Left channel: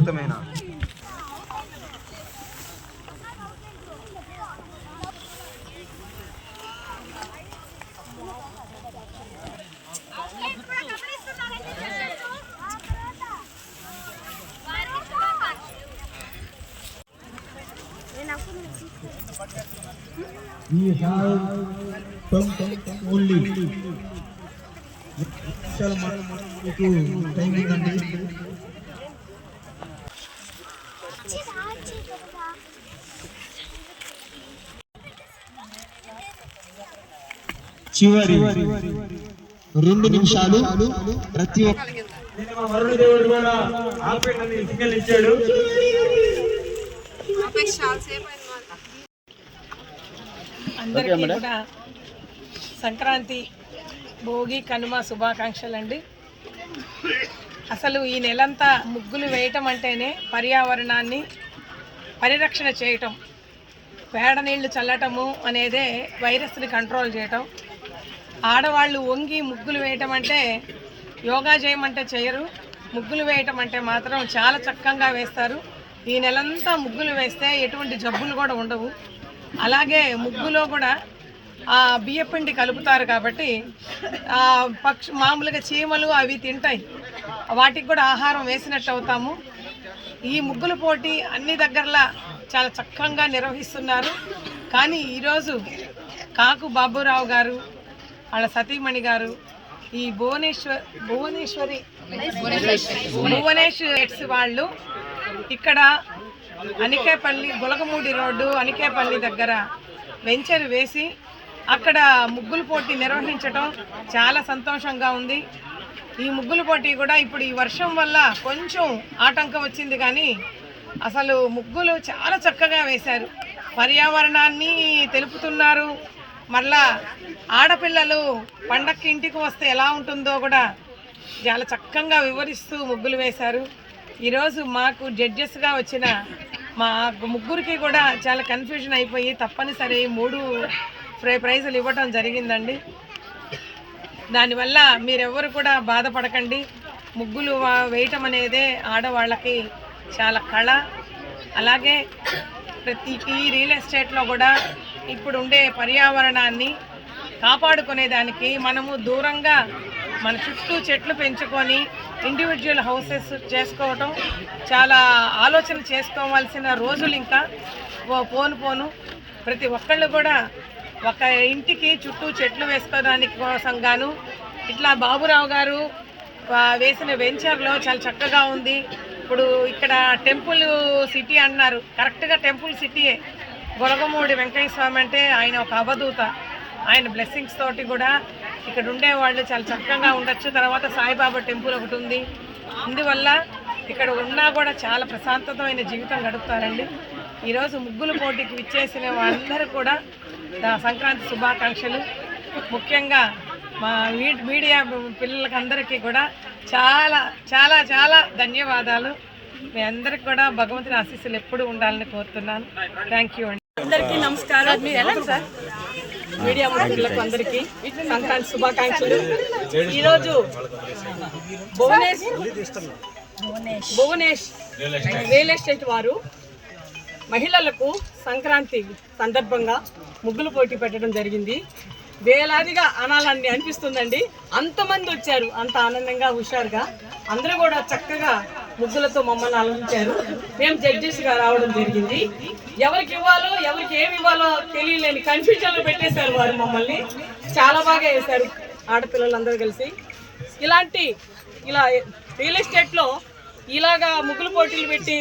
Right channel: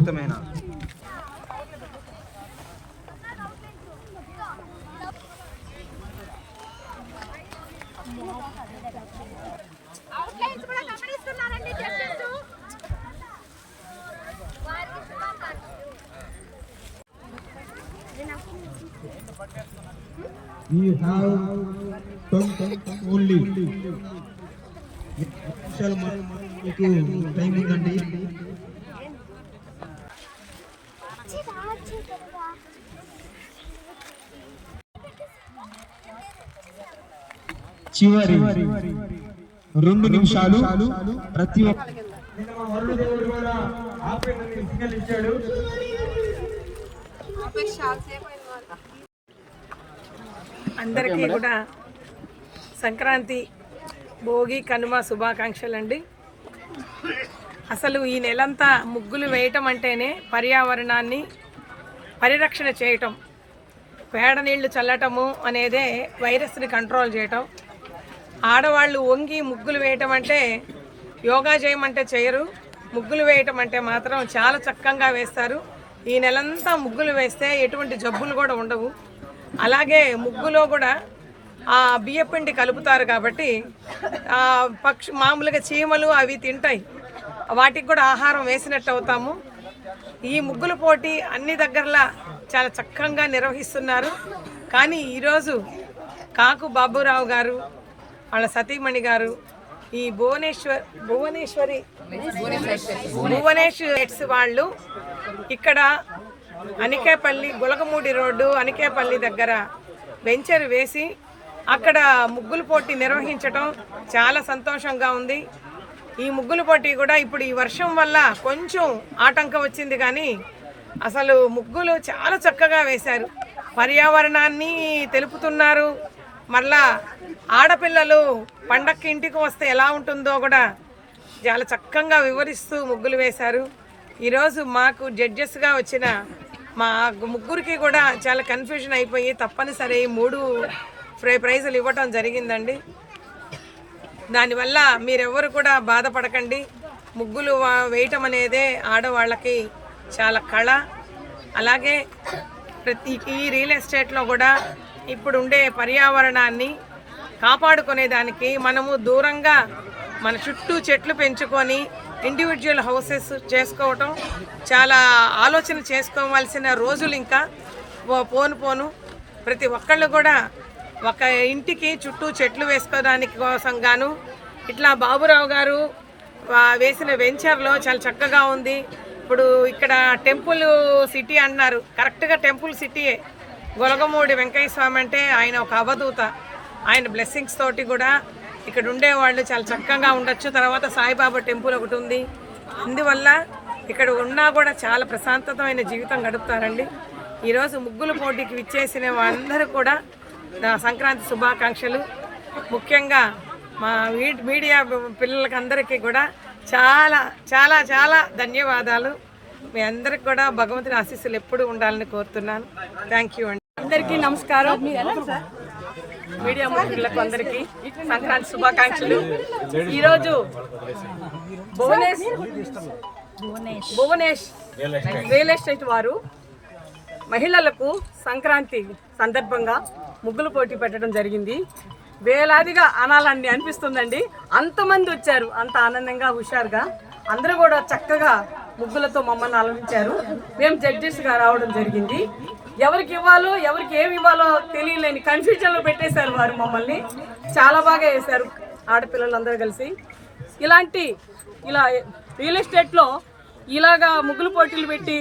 అద్భుతమైన We have only time ఉందండి. చివరి 2 నిమిషాలు ప్రతి ఒక్క వరుణ దేవుడు కూడా ఆపేటని సిగ్నల్ ఇచ్చాడు. అందరికీ కూడా సంక్రాంతి భోగి కనుమ శుభాకాంక్షలు అండి. అసలు ఈ నెలంతా ముగ్గులు వేయటం అంటేనే పర్యావరణాన్ని పరిరక్షణ చేయటం, పేడ నీళ్లు చల్లటము అనేదే వైరస్ని కంట్రోల్ చేయటం. ఆడవాళ్ళు వంగి ముగ్గులు వేయటం అంటే యోగా చేయమంటే చేయరు, ముగ్గులు వేయటం అంటే మాత్రం చాలా చక్కగా వేస్తారు. ఈ నెలంతా ముగ్గులు వేస్తే ఎటువంటి జబ్బులు కూడా ఉండవు. అలాగే ముగ్గులో కూడా బియ్యపిండి కలుపుతారు కాబట్టి మామూలుగా చీమలు అవి తింటాయి, వాటికి కూడా ఆహారం వేసినట్టు అవుతాము. ఈ ముగ్గుల పోటీ అన్ని దగ్గరలా చాలా చక్కగా నిర్వహిస్తున్నారు. కానీ ఈరోజు కాకు బాబురావు గారు వాళ్ళ సతీమణి గారు ఈ భువనేష్ ఎట్స్ వాళ్ళు ఇక్కడ అనికేపల్లి గులగమూడి రోడ్డు అనికేపల్లి దగ్గర వెంచర్ వేసి అక్కడ ముగ్గుల పోటీ నిర్వహించడం చాలా సంతోషంగా ఉంది. ఈ ముగ్గుల పోటీ కూడా ఇప్పుడు ఈ వర్షం వల్ల కొంచెం ఆటంకం వచ్చింది, కానీ అసలు ముగ్గులు చాలా చక్కగా వేశారు. పర్యావరణాన్ని తెలుపుతున్నారు. మళ్ళా ఆడపిల్లలు పండక్కి ఇంటికి వస్తే ఎలా ఉంటుందో కూడా చాలా చక్కగా వివరిస్తూ ముగ్గులు వేశారు. ఈరోజు మాకు జడ్జెస్గా వచ్చిన మా ముగ్గురికి కూడా చాలా కన్ఫ్యూజన్ అయిపోయి తప్పనిసరి 3 ప్రైజులు ఇవ్వటం జరిగిందండి. దానివల్ల మీరెవరు కూడా బాధపడకండి. ముగ్గులు వేయటం అనేదే ఆడవాళ్ళకి చాలా కళ. అలాగే ప్రతి ఈ రియల్ ఎస్టేట్లో కూడా ఇప్పుడు ఉండే పర్యావరణాన్ని కాపాడుకునేదానికి మనము దూరంగా మన చుట్టూ చెట్లు పెంచుకొని ఇండివిజువల్ హౌసెస్ చేసుకోవటం చాలా ఆలోచన చేసుకోవాల్సిన రోజులు ఇంకా పోను ప్రతి ఒక్కళ్ళు కూడా ఒక ఇంటికి చుట్టూ చెట్లు వేసుకోవడానికి కోసం గాను ఇట్లా బాబురావు గారు వేసిన వెంచర్లో చాలా చక్కగా ఉంది. ఇప్పుడు ఇక్కడ టెంపుల్ సిటీ అన్నారు, కరెక్ట్గా టెంపుల్ సిటీయే. గొలగమూడి వెంకయ్య స్వామి అంటే ఆయన ఒక అవధూత, ఆయన బ్లెస్సింగ్స్ తోటి కూడా ఇక్కడ ఉండేవాళ్ళు చాలా చక్కగా ఉండొచ్చు. తర్వాత సాయిబాబా టెంపుల్ ఒకటి ఉంది, అందువల్ల ఇక్కడ ఉన్నా కూడా చాలా ప్రశాంతమైన జీవితం గడుపుతారండి. ఈరోజు ముగ్గుల పోటీకి విచ్చేసిన వాళ్ళందరూ కూడా సంక్రాంతి శుభాకాంక్షలు. ముఖ్యంగా మా మీడియా పిల్లలకి అందరికీ కూడా చాలా చాలా చాలా ధన్యవాదాలు. మీ అందరికి కూడా భగవంతుని ఆశీస్సులు ఎప్పుడు ఉండాలని కోరుతున్నాను. థ్యాంక్ యూ అండి. అందరికీ నమస్కారం. మీడియా మిత్రులకు అందరికీ సంక్రాంతి శుభాకాంక్షలు. ఈరోజు భువనేష్ రియల్ ఎస్టేట్ వారు మహిళలకు సంక్రాంతి సందర్భంగా ముగ్గుల పోటీ పెట్టడం జరిగింది. వేలాదిగా అనాలని అనిపిస్తుందండి, అంతమంది వచ్చారు, అంత ఆనందంగా హుషారుగా అందరూ కూడా చక్కగా ముగ్గులతో మమ్మల్ని అలరించారు. మేము జడ్జెస్గా రావడం జరిగింది. ఎవరికి ఇవ్వాలో ఎవరికి ఏమి ఇవ్వాలో తెలియలేని కన్ఫ్యూజన్లో పెట్టేశారు వారు మమ్మల్ని. చాలా బాగా వేశారు ఆడపిల్లలందరూ కలిసి. ఇలా రియల్ ఎస్టేట్లో ఇలాగా ముగ్గుల పోటీలు పెట్టి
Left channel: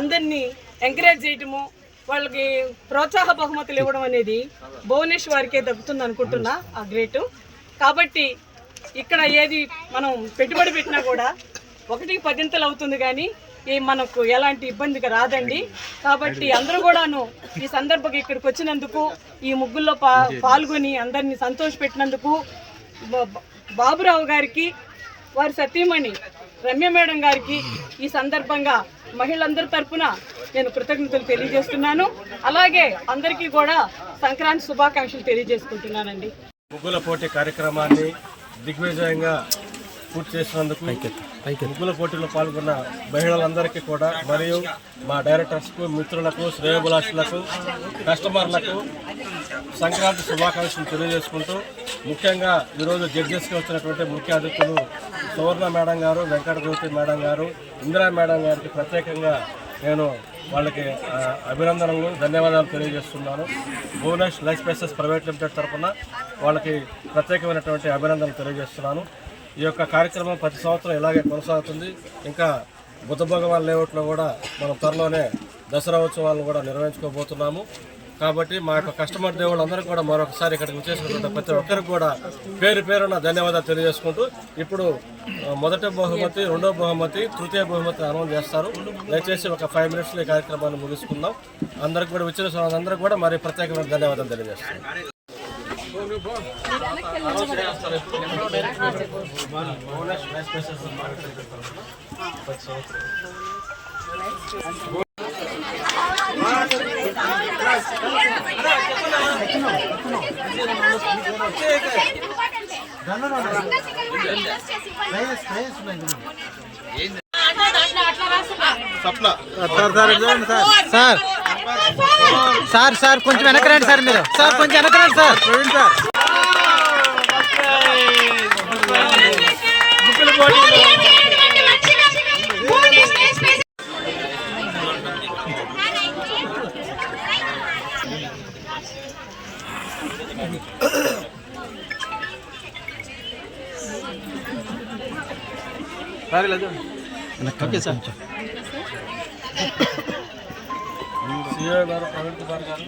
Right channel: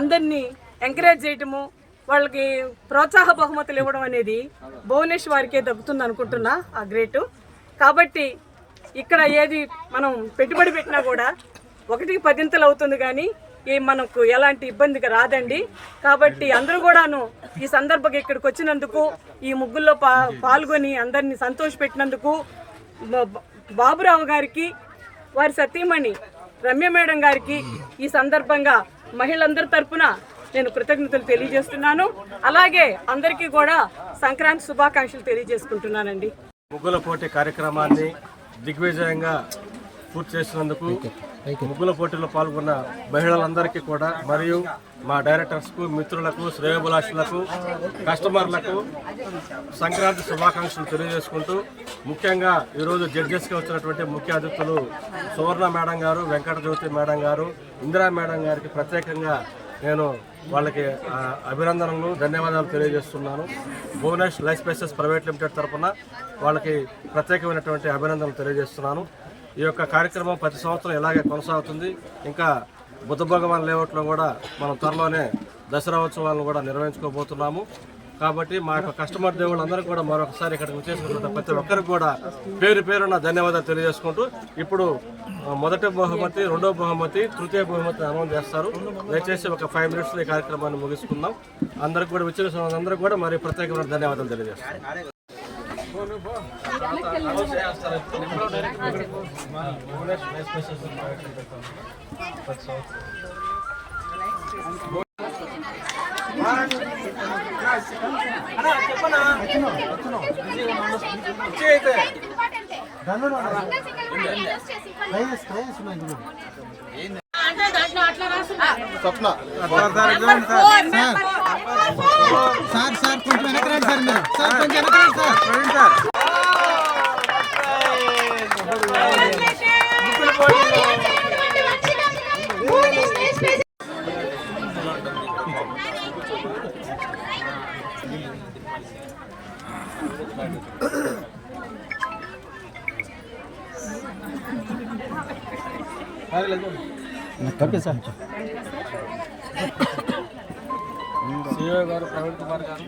అందరినీ ఎంకరేజ్ చేయటము, వాళ్ళకి ప్రోత్సాహ బహుమతులు ఇవ్వడం అనేది భువనేష్ వారికే దక్కుతుంది అనుకుంటున్నా. ఆ గ్రేటు. కాబట్టి ఇక్కడ ఏది మనం పెట్టుబడి పెట్టినా కూడా 1కి 10 అవుతుంది, కానీ మనకు ఎలాంటి ఇబ్బందిగా రాదండి. కాబట్టి అందరూ కూడాను ఈ సందర్భంగా ఇక్కడికి వచ్చినందుకు, ఈ ముగ్గుల్లో పాల్గొని అందరినీ సంతోషపెట్టినందుకు బాబురావు గారికి, వారి సతీమణి రమ్య మేడం గారికి ఈ సందర్భంగా మహిళలందరి తరఫున నేను కృతజ్ఞతలు తెలియజేస్తున్నాను. అలాగే అందరికీ కూడా సంక్రాంతి శుభాకాంక్షలు తెలియజేసుకుంటున్నానండి. ముగ్గుల పోటీ కార్యక్రమాన్ని దిగ్విజయంగా పూర్తి చేసినందుకు ముగ్గుల పోటీలో పాల్గొన్న మహిళలందరికీ కూడా మరియు మా డైరెక్టర్స్కు, మిత్రులకు, శ్రేయోభిలాషులకు, కస్టమర్లకు సంక్రాంతి శుభాకాంక్షలు తెలియజేసుకుంటూ, ముఖ్యంగా ఈరోజు జడ్జెస్గా వచ్చినటువంటి ముఖ్య అతిథులు సువర్ణ మేడం గారు, వెంకట జ్యోతి మేడం గారు, ఇందిరా మేడం గారికి ప్రత్యేకంగా నేను వాళ్ళకి అభినందనలు, ధన్యవాదాలు తెలియజేస్తున్నాను. Bhuvanesh life spices private limited తరఫున వాళ్ళకి ప్రత్యేకమైనటువంటి అభినందనలు తెలియజేస్తున్నాను. ఈ యొక్క కార్యక్రమం ప్రతి సంవత్సరం ఇలాగే కొనసాగుతుంది. ఇంకా బుద్ధ భగవాన్ లేఅవుట్లో కూడా మనం త్వరలోనే దసరా ఉత్సవాలను కూడా నిర్వహించుకోబోతున్నాము. కాబట్టి మా యొక్క కస్టమర్ దేవుళ్ళందరూ కూడా మరొకసారి ఇక్కడికి వచ్చేసినటువంటి ప్రతి ఒక్కరికి కూడా పేరు పేరున ధన్యవాదాలు తెలియజేసుకుంటూ, ఇప్పుడు మొదటి బహుమతి, రెండో బహుమతి, తృతీయ బహుమతి అనౌన్స్ చేస్తారు. దయచేసి ఒక 5 మినిట్స్లో ఈ కార్యక్రమాన్ని ముగిసుకుందాం. అందరికి కూడా వచ్చిన అందరికీ కూడా మరి ప్రత్యేకమైన ధన్యవాదాలు తెలియజేస్తున్నాం. సార్ కొంచెం వెనకరండి సార్, మీరు సార్ కొంచెం వెనకరండి సార్. Okay sir. CEO గారు, ప్రవీణ్ కుమార్ గారు.